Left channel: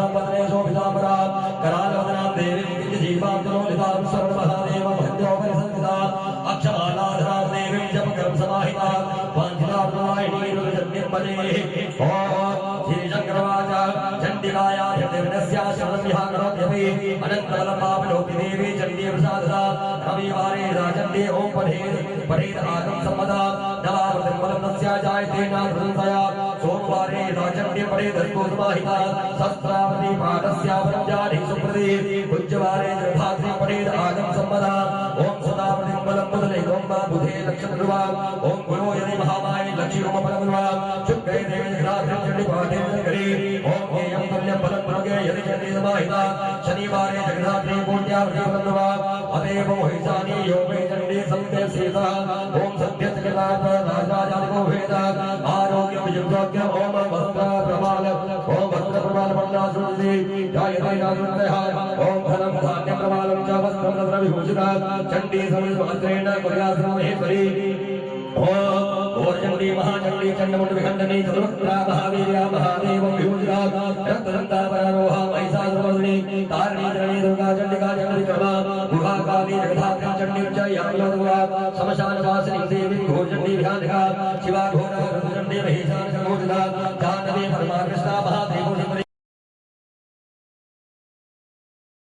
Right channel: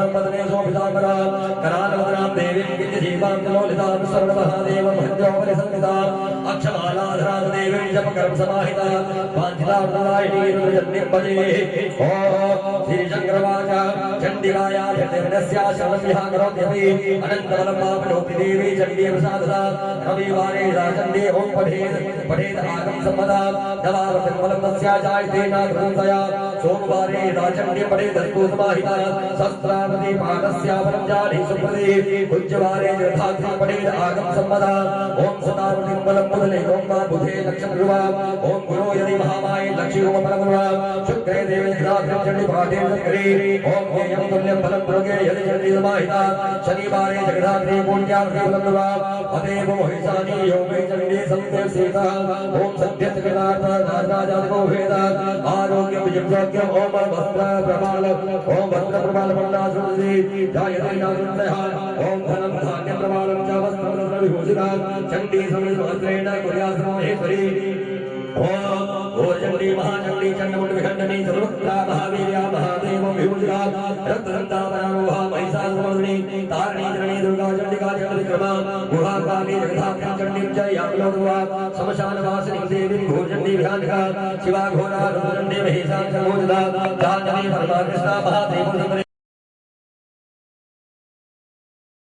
महितां पदने शोभितांबरा करालवदनां देवीं विद्यजीवां तलोलितां श्रवणमहादेवं हन्योपरिसंस्थितां अक्षमालाधरां देवीं जपकर्म समाहितां वाञ्छितां नारायणीं जन्निपदे ॐ श्रीशङ्करवाच चण्डिकाया चण्डिर्नस्या शरणं करोत्यपि अनन्तबलं पापलोकि देवी चण्डी प्रसाददा रविवारे चण्डी ॐ पठेत् आगम सम्पदा नवावर्तनबलं तस्या जायते नाथवन्तया सोमवारे चण्डी पठेत् दस्तु समाहिता शस्त्रावती पादस्या बलं जाने सुप्रदे उच्चवारे जलधात्री पठेत् आगम सम्पदा ॐ सदावृतिं बलं बुधने गोम्बा बुधे लक्षणरुवा ॐ गुरो यदि महामाये लक्ष्मीरोमबलमुवा शुक्रे देवे रात्रि चण्डी पाठे करे ॐ ज्ञेयं तुल्यं बलं दुर्गे यदि चण्डी समाहिता शनिवारे जगधात्री पुण्यावती बलमुवा अतएव मोहितानि योगे चण्डी संते सीता ॐ सत्यचक्रनाथ राजादिको वेद आरोग्यं युक्तोग्यं ॐ वस्त्र प्रमाल ॐ वस्त्र प्रमाल मन्दासुरी जायते नारुतयः ॐ धनं धान्यं प्रमालं च वस्त्रं विभूषितः चण्डी समितमात्रेण कुर्यासनो हेतरि ॐ चण्डी महाचण्डी चण्डमुण्ड विखण्डनी सर्वत्रा महावीर्या महादेवं विभूषिता रक्तदन्ता परामोहा महिषासुरमर्दिनी तारिणी चरणी दुर्गा चण्डिका चण्डिक्रमा गुहाकाली जगधात्री चण्डीं च यामलोदुवा श्मशानवासिनीं देवीं घोरचण्डी विहानिका शिवा घोरा रुद्रचण्डी महिषासुरमर्दिनी जाह्नवी परमाकृष्णा महादेवं